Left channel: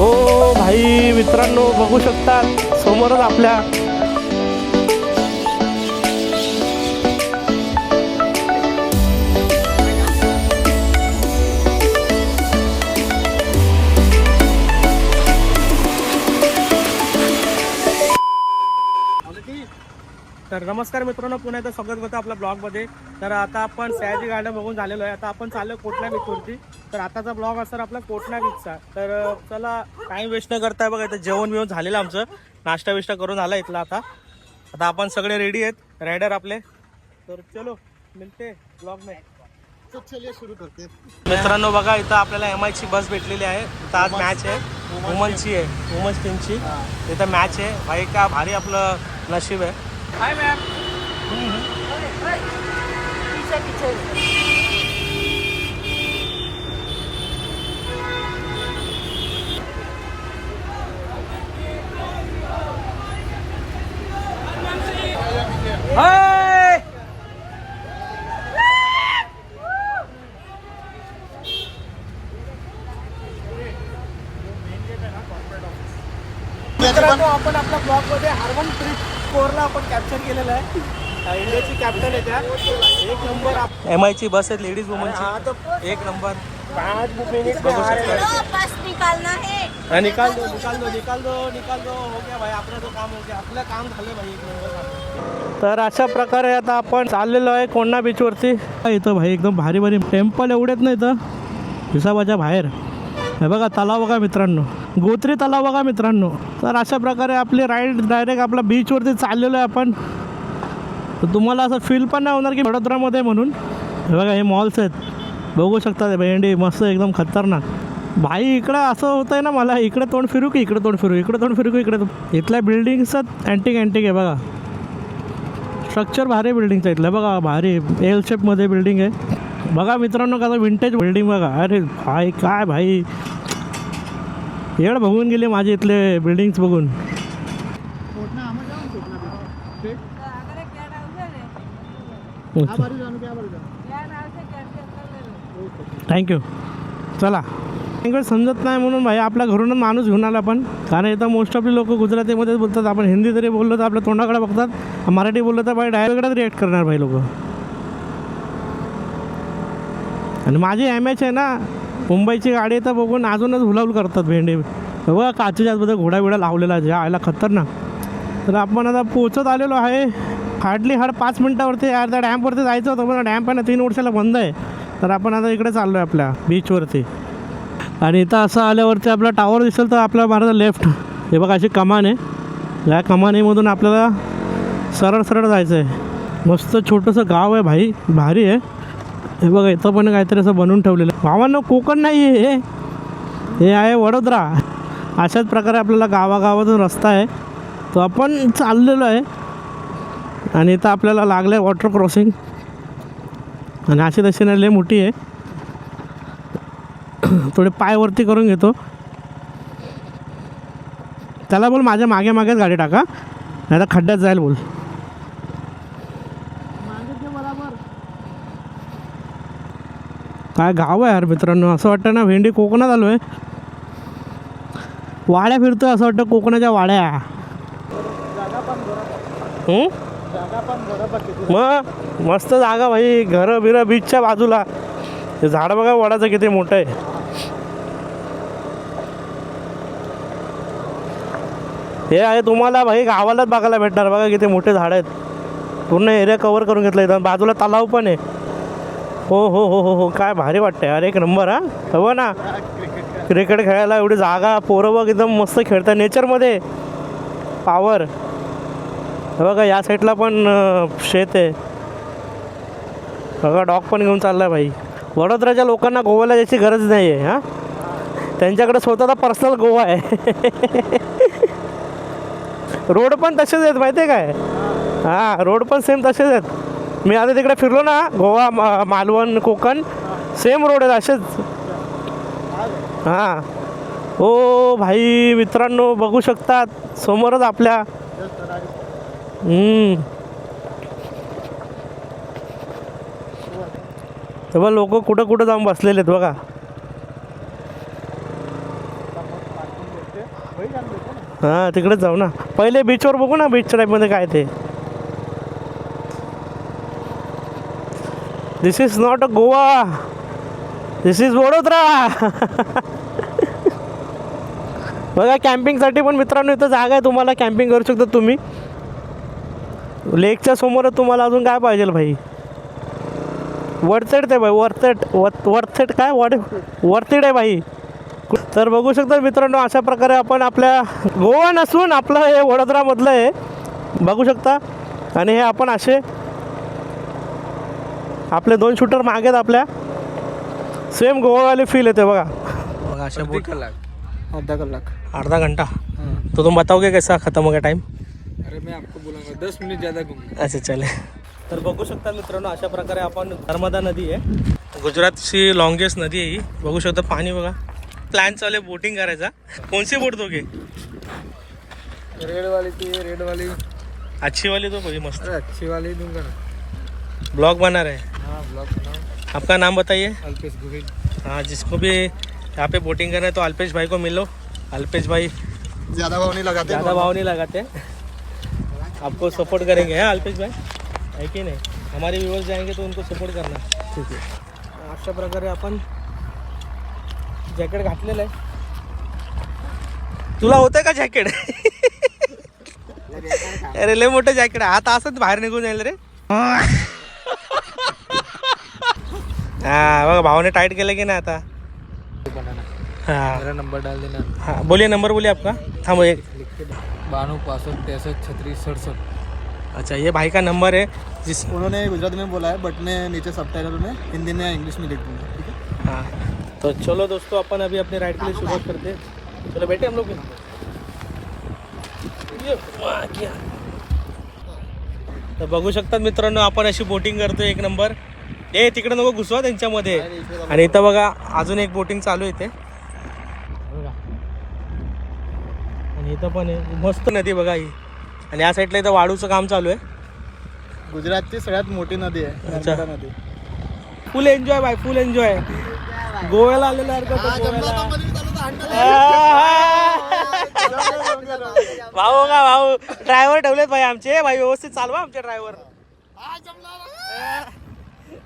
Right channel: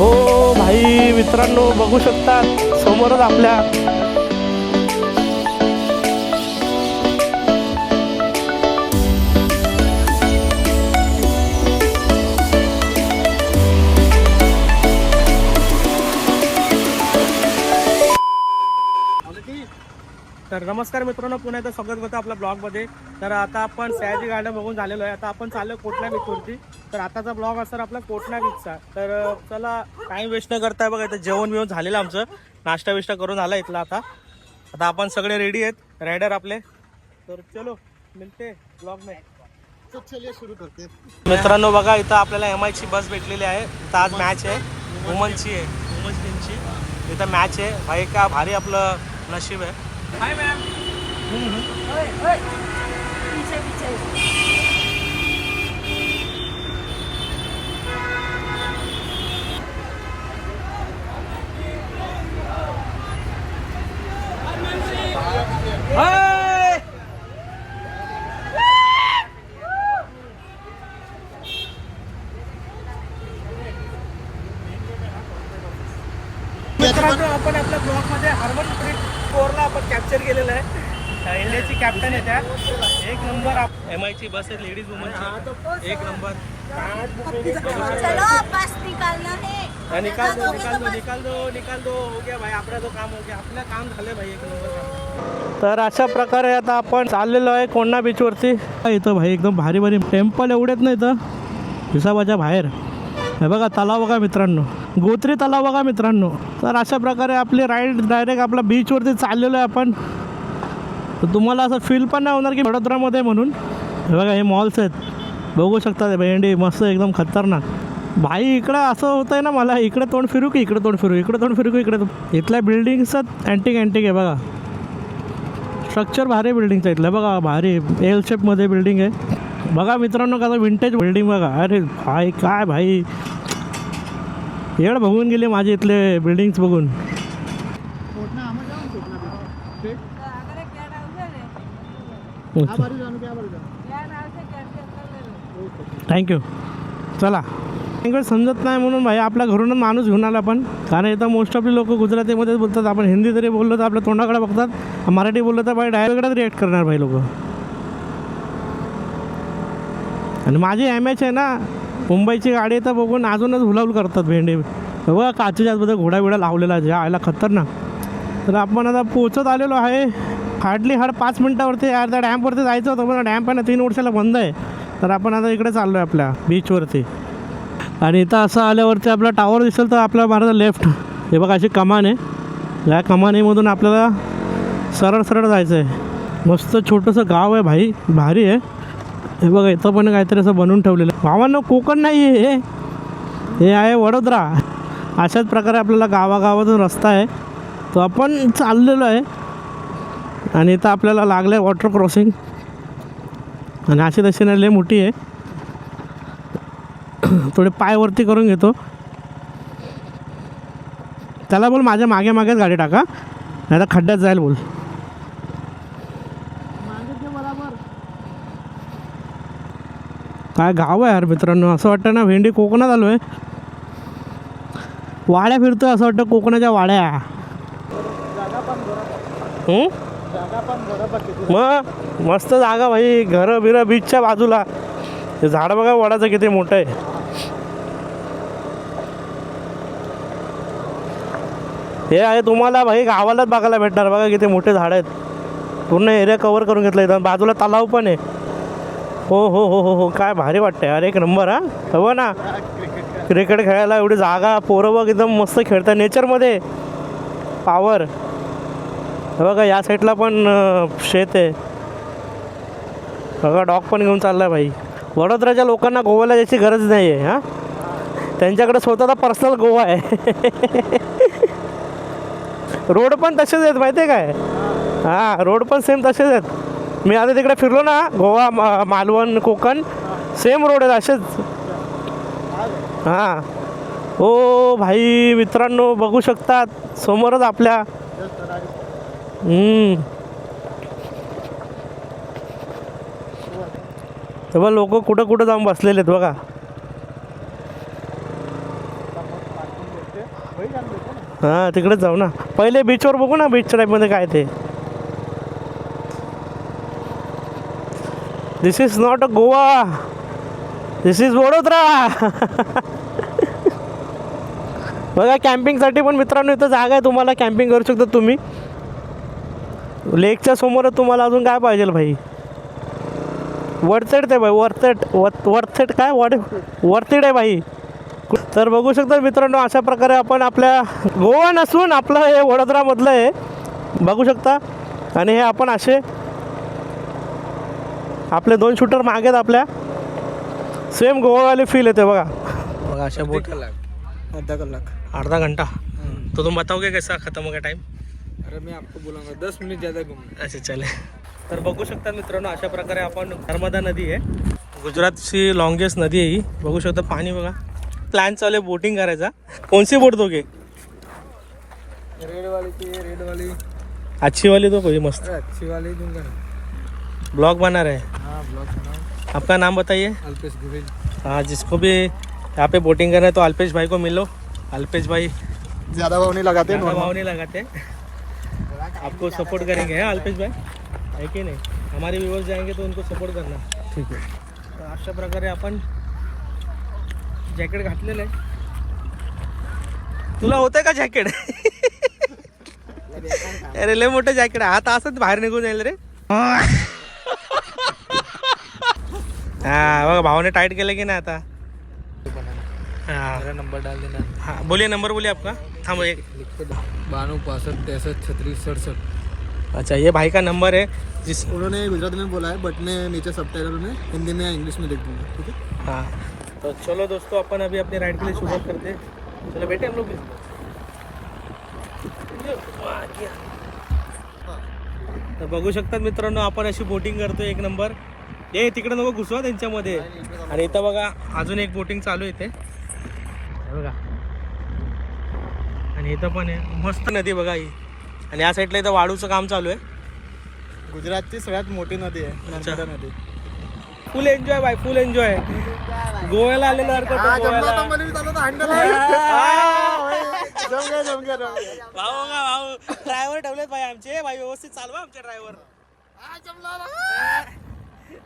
हो भाई मित्रांनो, बघू शकतात समोरच आपल्या तर नमस्कार मित्रांनो, पुन्हा एकदा स्वागत करतो आपल्या ब्लॉगमध्ये. तर आता आपण सयाजी गार्डन बघून झालेलो आहे. आता आपण चाललो कोटणा बीचवरती. तर आताचा ब्लॉग असणार आपला कोटणा बीचचा. तर चला टाईम वेस्ट न करताय. बघा इथं जेवण बिवण झालेलं आमचं, नाश्ता विष्टा करून झाला इथला. आता आपण सगळे रेडी आहेत, रायडर आपले. तर चलो मिळते ब्लॉग में. चलिए शुरू करते. मित्रांनो बघा, इथं आपल्याला MI ची बस भेटलेली आहे. इथं आज मॅच आहे, वुमनची आहे, वुमन्स टीमची. इथं मॅच आहे भाई. का भारी आपलं नशीब आहे. मित्रांनो, आपण आपल्या ब्लॉगमध्ये हरमनप्रीत कौरला आपण कॅप्चर केलेलं आहे. इंडियाची कॅप्टन आहे त्या. एक नंबर MI ची बस आहे, लेडीज वुमनची. एक नंबर बघू शकता. निकाल दो हो गया भाई. आपला जो काम हो गया, आपलं काम झालं भाई. एक नंबर काम. तर अशा प्रकारे आता आपण चाललेलो आहे कोण्णा बीचवरती. इथं भाई एकदम भारी भारी टेम्पल एवढेच नाही इथं हिसाबाच्या बाहेर. हे बघा तलाव बघा मित्रांनो, गोत्री तलाव बघा मित्रांनो. तर अशा प्रकारे आपली राईड डायरेक्ट आपल्या बीचवरती चाललेलो आहे आपण. तर तुम्हाला असं फील पण नाही होणार की वडोदरामध्ये म्हणून. हे बघा हे मॉल्स आहेत, बघू शकता. भेंडी मस्त एकदम खतरनाक. भाई इकडं असं होतं आहे ना, मला इकडे तोंड फिरू की इकडे तोंड फिरू, इकडे तोंड फिरू की इकडे. इथल्या बिल्डिंग्सच अँटिक आहे बघा. स्ट्रक्चर भारी बिल्डिंगचं इथलं बघा. भारी एल शेपमध्ये बिल्डिंग आहे बघा मित्रांनो. का विंटेज बिल्डिंग बघा. अरे भाई काय भाई, येड बघून गेले माझे इथले बिल्डिंग्स बघून. थँक्यू. चला लँग्वेज समजत नाही म्हणून भाई आपल्या घरूनच माणूस घेऊन आला आपण. कारण इथं मोस्ट ऑफ लोक गुजरातीमध्येच बोलतात. आपण हिंदी जरी बोललो तर आपल्या तोंडाकडे बघतात, मराठी बोललो तर भाई डायरेक्टच रिॲक्ट करणार भाई लोक. आणि माझी MH आहे ना मुंबईची गाडी, तर बघून अजूनच हुलाहुल करतात भेंडे. बघा काचेच्या आतमध्ये घोडा बिडा लावलेला जे आयला खतरनाक. तर आपण आता पोचत आलेलो आहे. हार्डली 5 मिनटावरती. यार त्या डॅमवरती जायचं होतं, पण डॅम पण 3 वर्षाला बंद आहे. तर आपण आता इकडे चाललो आहे आपल्या बीचवरती. आणि इथं असं आल्यावरती आपला टावर दिसेल तर आपल्या मारायचं लेफ्ट. हे बघा अशी कमान आहे. या कमानीमधून आपल्याला सरळ सरळ जायचं आहे. मस्त छोटंसं गाव आहे भाई, भारी आहे. हे बघा इथं पण काहीतरी असं बनवून ठेवलेलं आहे. गावांना कोकण नाही आहे, हे आहे वडोदरा. अशाच प्रकारे आपल्याला गावागावातून रस्ता आहे, तो आपण चाललेलो आहे. आणि इथं आपल्याला लागलं आहे वॉटर क्रॉसिंग. आणि अशी तशी नाही लय मोठी आहे. थोडे पाय वरती करून घेतो. त्याला बोल माझ्या मागे मागेच गाडी टाका, नाही तर खड्ड्यात जाईल बोल. काय गाव आहे यार मित्रांनो. असं वाटतं ना भेंडी कोकणात आलो आहे. वाड्या फिरतो असं वाटतं, कोकणाच्या वाड्या. मग मस्त जागा भाई, घरं बिरं बीचच्या बाजूला. हे झाड बघा वडाचं किती मोठं आहे. हे आहे तुम्हाला भाई गावालाच बघायला भेटणार. बघा किती मोठे झाड आहेत. पूर्ण एरिया कव्हर करून घेतला. इथं बाजूला तलाव पण आहे. हो हो हो हो हो काय भारी वाटतं यार. एक नंबर. हो ना, क्रिकेट खेळायला एवढी जागा. पोरं बघ एकदम मस्त खेळतात नेचरमध्ये. पावर बघा. या साईडला पण शेत आहे बघा. डॉग पण घेऊन चालला आहे भाई. वडोदराच्या लोकांना गोव्याला जायची गरज नाही आहे. हां, त्यांच्याकडे स्वतःचा पर्सनल गोवा आहे. रोड पण तसेच आहेत माहिती आहे काय. हां, रोड पण सेम तसेच आहेत. मी आता तिकडे फिरलो ना, गोवा मालवण कोकण सेम रोड आहेत असेच. हां हो भाई मित्रांनो, बघू शकतात समोरच आपल्या. तेव्हा लोक कुठं कुठं जाऊन बसलेले आहेत बघा. हां तिकडेच जाऊ ना. पहिले बीचवर बघू ना, बीच टाईपमध्ये काय ते. This is not a Goa, this is Vadodara. बघा कॅम्पिंगसाठी पण मित्रांनो इथं जागा आहे, तुम्हाला कॅम्पिंग करू शकता तुम्ही. लेकच्या समोरच तुम्हाला अजून काय पाहिजे भाई. वरतेड ते भाई, वरतेड काय वरतेड आहे भाई. तर बघू शकता मित्रांनो, अशा प्रकारे आपण आपल्या गोवा नसून आपलं हे वडोदरामधलं आहे बघू शकता. आणि हे आपण असे आपले 2 शूटर मागेत आपल्या, सेम गोवावाले फील येते बघा. बघा अशा बोट. आधा घंटा तो तुम बताओगे कैसा खत्म हो गया टाइम. अरे मैं आपको बोलूंगा 10 मिनट ज़्यादा घूमने. अच्छा चले. तर बघू शकता मित्रांनो, अशा प्रकारे आपण नर्मदा नदी आहे, गुजरातची लॉंगेस्ट नदी आहे ही. बघू शकता पाणी बघा. प्लॅन चालू आहे बोटिंग करायचा. कोणसी बोट दोगे. रेड वाली थी, रेड वाली अच्छी वाली दो कोई मस्त. अच्छी वाली दूंगा. ब्लॉग बना रहे हैं. हाँ ब्लॉग बनाओ. आपका नाम बताइए. अल्पेश गोविल. हाँ जिसको भी यहाँ पे बोटिंग करना है तो अल्पेश भाई को मिलो. अल्पेश भाई ज़्यादा भाव नहीं लगाते. ज़्यादा भाव नहीं लगाते, आपको सपोर्ट करेंगे है अल्पेश भाई, है की नाही. हमारे व्यूअर्स जाएंगे तो उनको सपोर्ट करना. ठीक आहे. अशा प्रकारे आपण जॅकेट घातलेलं आहे. तुला होतंय का जॅकेट. अरे लय मोठं जॅकेट आहे, आता असंच बाहेर निघून जाईल रे. हा बघा भावाने टाइट केलं की नाही आता. हाँ मेरा नंबर डाल देना. हाँ बोलिए, नंबर बोलिए आपका. हाँ वो एक 92 65 63 36 67. अच्छा ये भाई का नंबर है जिस. उन्होंने गुजराती में बोला है, बट मैं नीचे सबटाइटल में हिंदी में या इंग्लिश में लिख दूंगा. ठीक है. हाँ तो चलो दोस्तों, अपन अभी अपने राइड के लिए शुरुआत करते हैं. चलो बैठे हम लोग भी. तर बघू शकता मित्रांनो, आपण अशी बोटिंग करतो एक नंबर. ए तिकडे नको घुसवा त्यांच्यामध्ये. आणि इथं बघा अजून एक बोटिंग चालू आहे इथे बघा. आणि इथं पण आहे मस्त नदी बघा ही. आणि या साईडला इथं वाळूचं काम चालू आहे. गुजरातची सगळ्यात मोठी नदी आहे अच्छा. नर्मदा नदी. Full enjoy bye, full enjoy. गोव्याला आलेला गोव्याला. भाऊ का भाऊ, ड्रायव्हर ठेवलेत भाई आमचे भाई, व्यवस्थित चालवा आमचे ड्रायव्हर.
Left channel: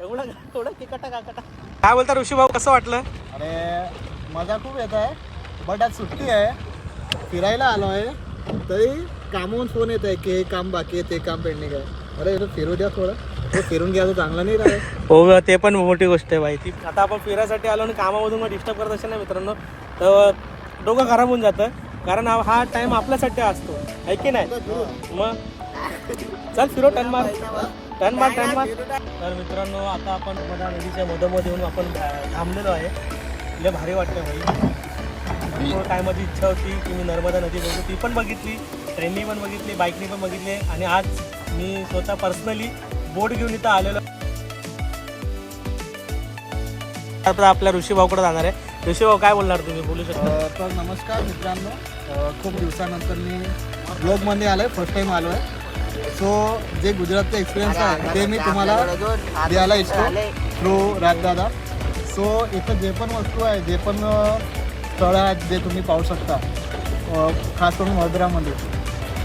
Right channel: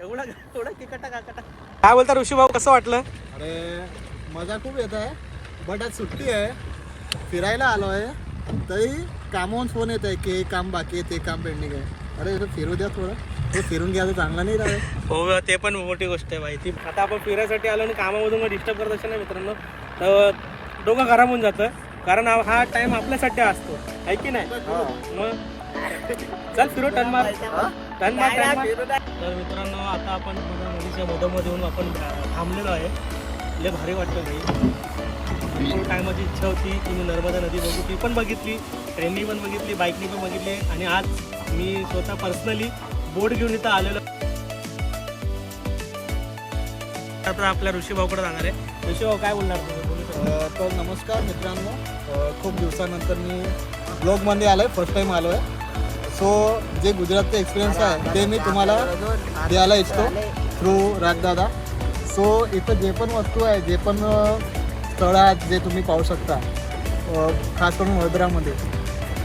एवढा थोडं तिकटा काकटा. काय बोलता ऋषी भाऊ, कसं वाटलं. अरे मजा खूप येत आहे, बट आज सुट्टी आहे, फिरायला आलो आहे, तरी कामावून फोन येत आहे की हे काम बाकी आहे, ते काम पेंडिंग आहे. अरे इथं फिरू द्या थोडं, तो फिरून घ्या, तो चांगला नाही राहत. हो ते पण मोठी गोष्ट आहे भाई. ती आता आपण फिरायसाठी आलो आणि कामामधून मग डिस्टर्ब करत असेल ना मित्रांनो, तर डोकं खराब होऊन जातं. कारण हा टाइम आपल्यासाठी असतो, आहे की नाही. मग चल फिरो, टन मार. तर मित्रांनो आता आपण नर्मदा नदीच्या मधोमध येऊन आपण थांबलेलो आहे. लय भारी वाटतं भाई. टायमाची इच्छा होती की मी नर्मदा नदी बघू, ती पण बघितली, ट्रेननी पण बघितली, बाईकनी पण बघितली. आणि आज मी स्वतः पर्सनली बोट घेऊन इथं आलेलो. आता आपल्या ऋषी भाऊकडे जाणार आहे. ऋषी भाऊ काय बोलणार तुम्ही, बोलू शकता. तर नमस्कार मित्रांनो, खूप दिवसानंतर मी ब्लॉगमध्ये आलो आहे, फर्स्ट टाईम आलो आहे. सो जे गुजरातचा एक्सपिरियन्स आहे ते मी तुम्हाला द्यायला इच्छितो थ्रू राजदादा. सो इथं जे पण वस्तू आहे, जे पण स्थळं आहेत, जे तुम्ही पाहू शकता, खास करून वडोदरामध्ये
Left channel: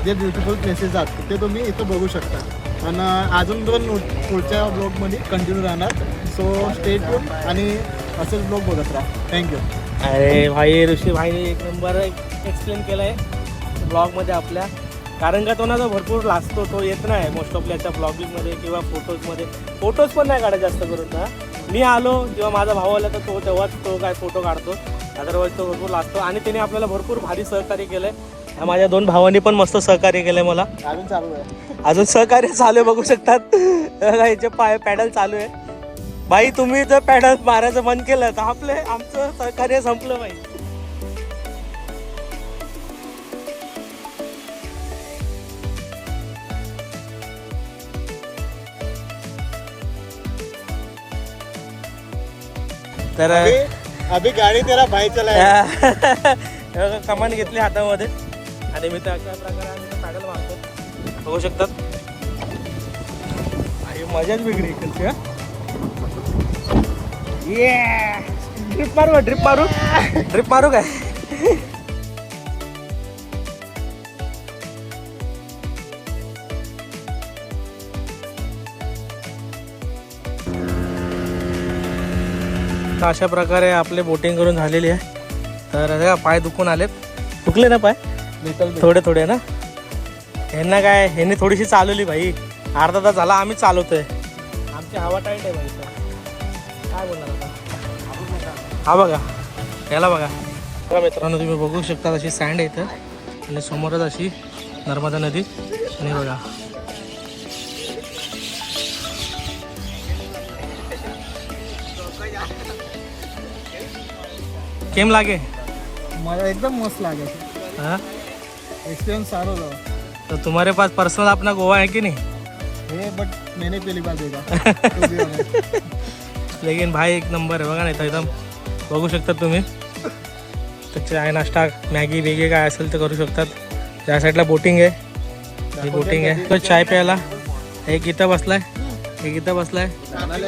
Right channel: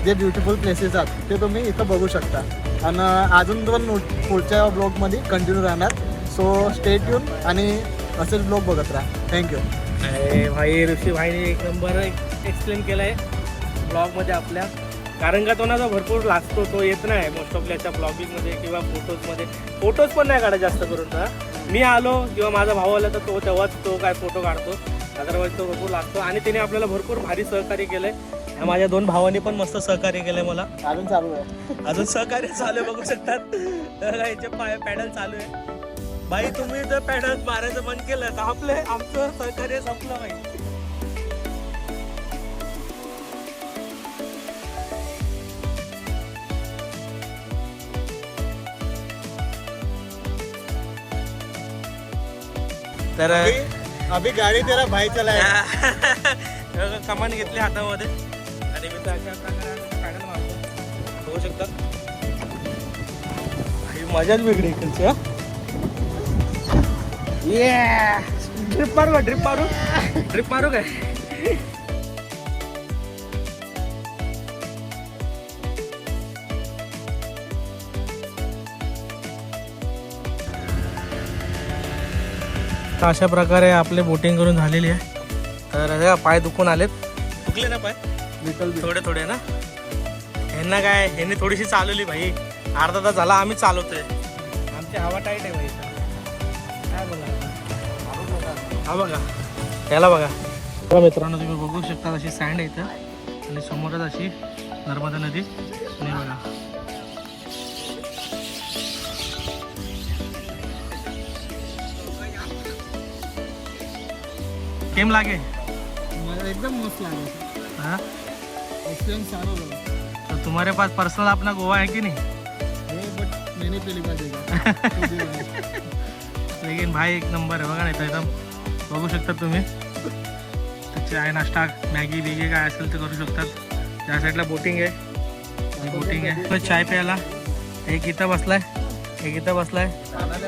जे ब्युटिफुल प्लेसेस आहेत ते तुम्ही इथं बघू शकता. आणि अजून पण पुढच्या ब्लॉगमध्ये कंटिन्यू राहणार. सो स्टे ट्यून आणि असेच ब्लॉग बघत राहा. थँक्यू. अरे भाई ऋषी भाईने एक नंबर एक्सप्लेन केलं आहे ब्लॉगमध्ये आपल्या. कारण का तो ना जो भरपूर लाजतो, तो येत नाही मोस्ट ऑफ याच्या ब्लॉगिंगमध्ये किंवा फोटोजमध्ये. फोटोज पण नाही काढत जास्त करून ना. मी आलो किंवा माझा भाऊ आला तर तो तेव्हाच तो काय फोटो काढतो, अदरवाईज तो भरपूर लागतो. आणि त्याने आपल्याला भरपूर भारी सहकार्य केलं आहे. माझ्या 2 भावांनी पण मस्त सहकार्य केलं आहे मला. अजून सहकार्य चालू आहे, बघू शकतात याचे पॅडल चालू आहे. भाई तुम्ही जर पॅडल मारायचं बंद केलं तर आमचं सहकार्य संपलं भाई. तर अभी गाडी त्याला भाई चलाय. कमान घेतली हातामध्ये आणि मी तर अशा प्रकारे पॅडल मारतो, बघू शकतात. आणि मजाच वेगळी इकडची. ड्रिप मारू ड्रिप मारू ड्रिप मारू काय. तर अशा प्रकारे आपले बोटिंग करून झालेली आहे. तर आता पाय दुखून आलेत. दुखले ना पाय थोडे थोडे ना. ह्यांना काय, ह्यांनी थोडीशी चालवली भाई. अर्धा तास झाला आम्ही चालवतोय. आमची हवा टाईट आहे भाई. काय बोलणार आता. हा बघा, याला बघा. तर मित्रांनो तुम्ही बघू शकता अशी सँड आहे इथं आणि समोरच अशी नर्मदा नदी. आणि बघा केम लागे. मला एकदम मस्त लागेल. हाँ एक्सपीरियंस सारा हो. तो तुम्हारे पास पर्सनल अपना गोवा है कि नहीं. बट मैंने पहली बार देखा. लेकिन भाई एक नंबर आहे बघा. नाही तर एकदम बघू शकता तुम्ही. तर चाय नाश्ता मॅगी वेगी काय असेल ते करू शकतात. त्या साईडला बोटिंग आहे. ही बोटिंग आहे. तो चाय प्यायला एक इथं बसलाय, एक इथं बसलाय.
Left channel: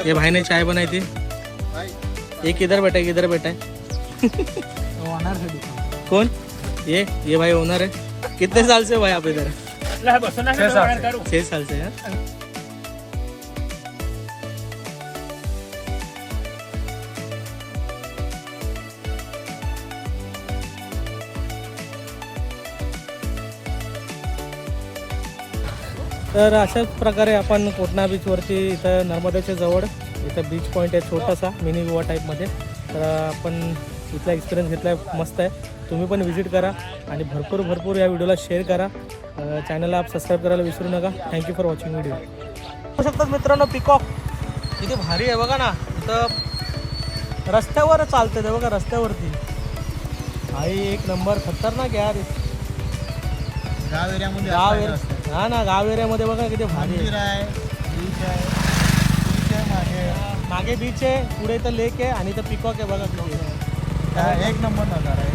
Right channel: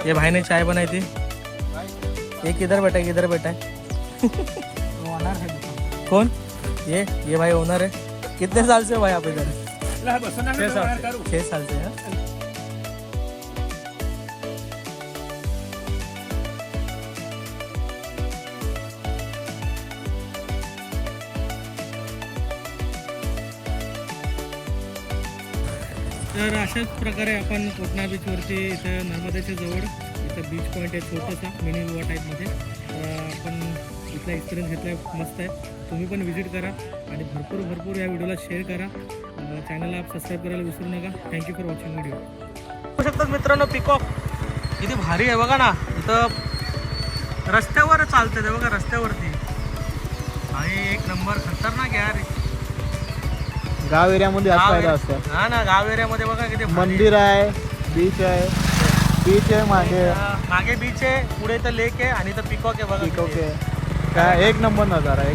ये भाईने चाय बनाई थी. एक इधर बैठा, एक इधर बैठा है. ओनर है दुकान. कौन ये भाई ओनर है. कितने साल से हो भाई आप इधर. 6 साल से है. तर अशाच प्रकारे आपण कोटणा बीचवरती इथं नर्मदाच्या जवळ इथं बीच पॉईंट आहे छोटासा मिनी गोवा टाईपमध्ये. तर आपण इथला एक्सपिरियन्स घेतला आहे. मस्त आहे. तुम्ही पण व्हिजिट करा आणि भरपूर या व्हिडिओला शेअर करा. चॅनलला आप सबस्क्राईब करायला विसरू नका. Thank you for watching video. बघू शकतात मित्रांनो पिकॉक किती भारी आहे बघा ना. इथं रस्त्यावर चालतं ते बघा. रस्त्यावरती भाई एक नंबर खतरनाक यार. गाव एरियामध्ये फायदा असतो. हा ना, गाव एरियामध्ये बघा किती भारी मंदिर आहे, बीच आहे मागे. मागे बीच आहे, पुढे तर लेक आहे आणि इथं पिकॉक आहे बघा. ठीक आहे. काय एक नंबर नजारा आहे.